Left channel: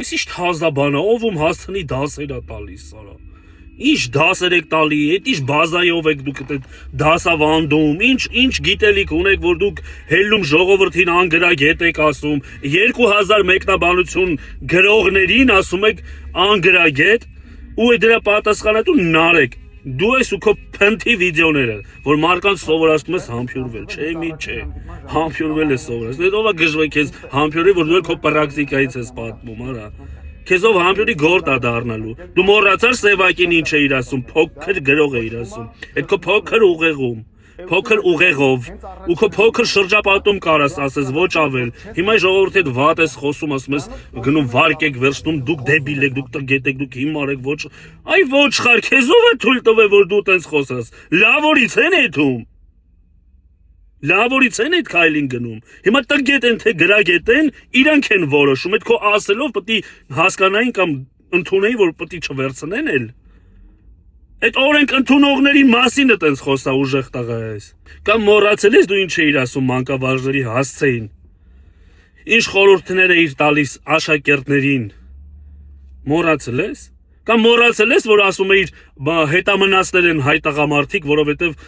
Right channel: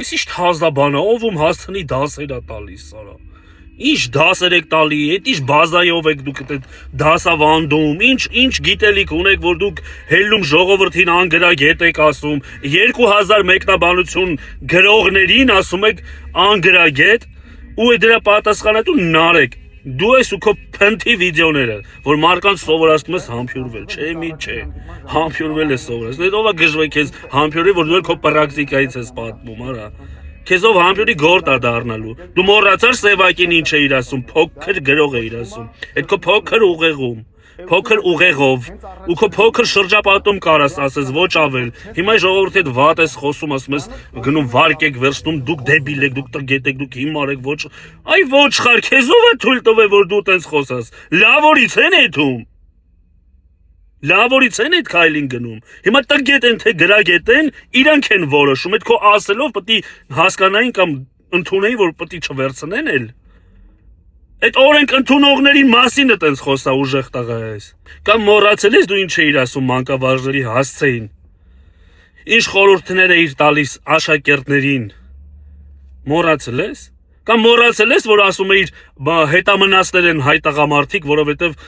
Ես ինչ հազաբանա, ով ում հասցնի դասեր է տալիս, սարա։ Ինչ դասեր եք տալի, այդ ինչ բազայով եք դուք այդ դասավանդում, ինչ գիտելիք ունեք, որ դուք հելնում ժողովրդին անգրագետ եք ասում, 2000 մեկնաբանություն գրողներին ասում եք անգրագետ, ու դրա պատասխանը դու նարեք։ Դու ես ու քո փնթի վիդեոները, որ մարկանց սովորացնում ես համբյուրվել, չէ՞ մի չէ։ Համբյուրվել ես սովորացնում։ Այդ ով է գժվի քեզ համբյուրի, որ դու քո պրակտիկայից ես պատմում, արա։ Քեզով համբյուրի գործ է դառնալու։ Դու մոռացար Սևակին ինչ էիր ասում, փոքր գրող էիր ասում։ Այդ քո փոքր ուղեղում, փոքր ուղեղով, ու քո փոքր շրջապատում կարաս ասես, ոչ ավել։ Հիմա ժողովրդի հետ վատ ես խոսում, ասում ես գնում վարկ եք վերցնում, դուք դեբիլ եք, դուք տգետ եք, դուք հիմար եք, ոչ։ Այ ոչխար, քեզով է թույլ տվել, որ դու տենց խոսաս։ Լավորից են էթում։ Լավորից են այդ քայլին գնում։ Հիմա տգետ են թե գրագետ են, իրանք են որոշում, այդ քո ասելով պետք է հասկանային կամ ընդունեին, որ պետք է չվերցնեն էլ։ Այդ օրենք ընդունողների մասին է տենց խոսա ուժեղ տղա ես։ Կամ մոռացել ես դու ինչ էիր ասում մանկավարժների հասցեին։ Ինչ խորհուրդներ էիր տալիս աշակերտներին։ Մոռացել ես։ Կամ մոռացել ես, որ ասում էիր հետամնացներ են հայ տղամարդիկ, որովհետև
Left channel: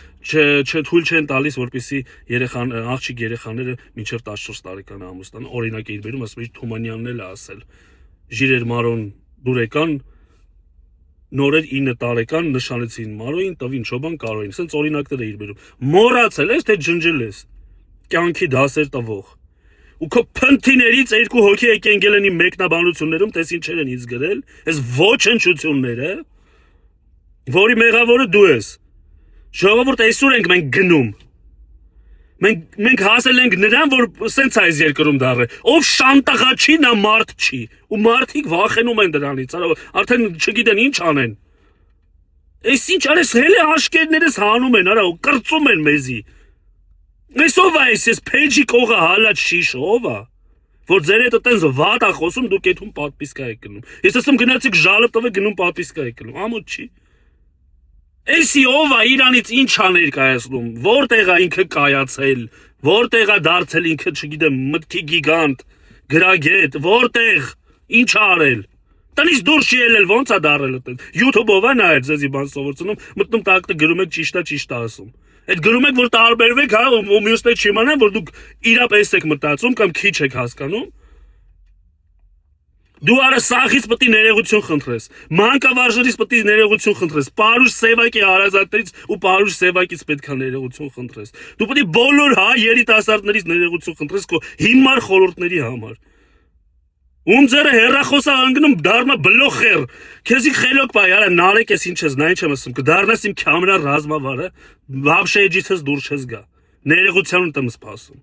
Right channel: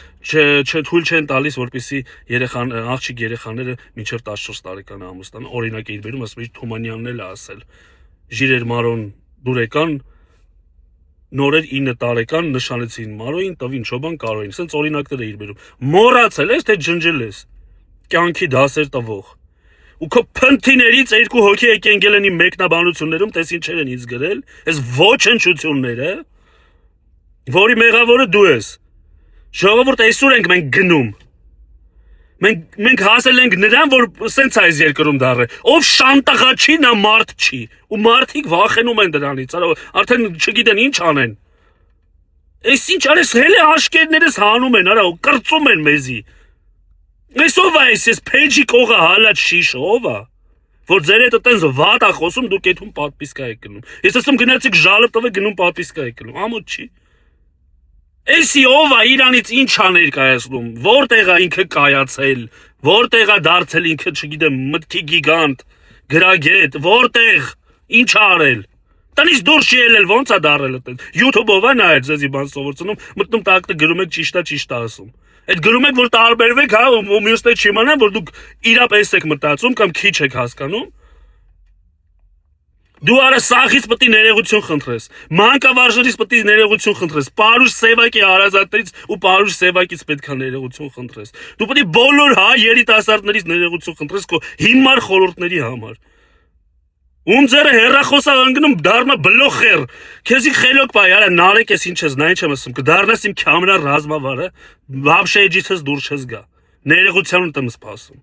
չթույլ չեն տալիս, որպեսզի աղջիկ երեխաները մինչև 14 տարեկան ամուսնան, օրինակ էիր բերում, ասում էիր Թումանյանն էլ է ասել։ Ժիրեր Մարոն դուրեկան, նորեր 9 տարեկան նշանեցին Մարոյին, տվին Չոբան Կարոյին, սենց օրինակներ էիր բերում։ Մոռացել ես, թե ջնջել ես։ Կյանքի դասեր տվող։ Ու քո փնթիներից 2 հոգի եկեն գելենի մեկնաբանություններում, տես ինչեր են ինձ գրել, այս ոչնչությունները, որի մեղավորը դու ես։ Ժողովուրդ այսօր ենք մենք գնում։ Մենք հասել ենք նրան, որ սենց այս երկրում դառը։ Ով շանտաղա չի, նա մարդ չի։ Ու մարդիկ վախենում են դրանից, արդեն չգիտեն ինչ անեն։ Այս ինչ արես հելե աշկերներս հանում են, արա, ու կրծում են մեզի։ Այս ով է ես փեջի կողը հալած շիշ, ով է, որ ձեր հետ տենց վատ է խոսում, դուք եթում պատպիսկա եք գնում։ Ես ասում գնացիք ժալը տվեք գնում պատպիսկա եք գնում, ամոթ չի։ Էսի ով է իրանից ինչ ա ներկայացնում, որտեղ է ինքը կայացել, որտեղ է դարձել ինքը, չգիտեմ, մտքի գիգանտ, գրագետ, որտեղ, ինչ ա արել։ Տնից դուրս չի ելել, ոնց է դառել այդպես։ YouTube-ով է նայել ձեզի բան սովորեցնում, մտնում տակտը գրում եք ճիշտ է ասում։ Այդ գրում եք, որ տարբերվեք, հա, ու մյուսները չիմանան, որ դուք իրապես եք մտածում կամ քիչ եք հասկանում։ Դու արա սախից պետք է ներողություն խնդրես, մանկավարժներից պետք է ներողություն խնդրես, Պարուշ Սևակի հարազատներից ու Պարուշ Սևակից պետք է ներողություն խնդրես։ Դու պետք է բոլոր հայ երիտասարդներից ներողություն խնդրես քո հիմար խորհուրդների համար։ Ում ձերը հերախոսա անգնում դառնա բլոխեր, քեզի խելոք բայ, արա նարեկ ես ինչ ես, նա ինչ եմ ասում, կդառնաս իմ քամերա ռազմավարը, վաբշե էջիցս դուրս չես գա, ներողության եմ սպասում։